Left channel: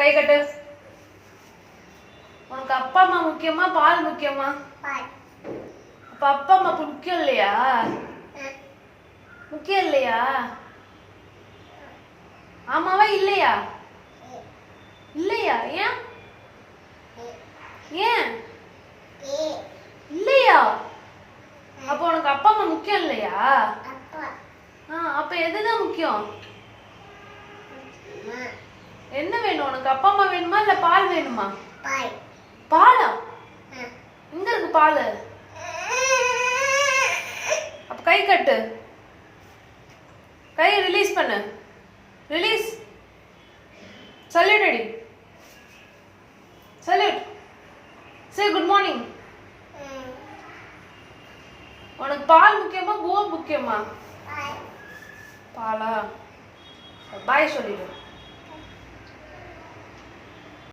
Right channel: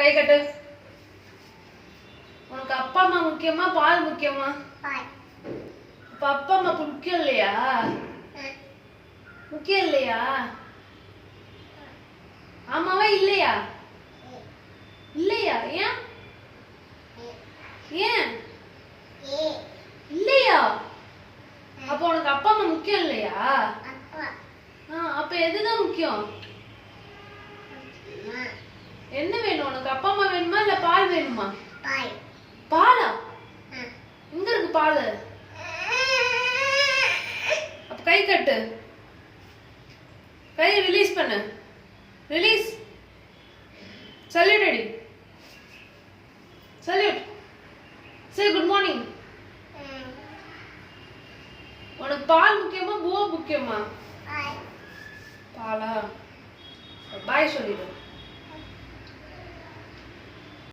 கை கட்டு. உனக்கு அப்பா அம்மா முக்கியமா பால் முக்கியமா? அப்ப அப்பா அம்மா முக்கியம் இல்லையா? முக்கியம் இல்லையா? ஆமாவா இல்லையா? இல்லையா? ஏன் ஏன் இல்லையா? அப்ப உனக்கு அப்பா அம்மா முக்கியம் இல்லையா? அப்ப எதுதான் முக்கியம்? என்ன வேணும் உனக்கு? அப்பா அம்மா வேணுமா இல்ல பால் வேணுமா? பாலா? எங்க இருக்கு பால்? அப்ப கை கட்டு. கை ரிலீஸ் பண்ணு. ரிலீஸ். சல்யூட் அடி. சல்யூட். சே குட் மார்னிங். உனக்கு பால் முக்கியமா பூ முக்கியமா? பாலா? பாய் சொல்லிடு.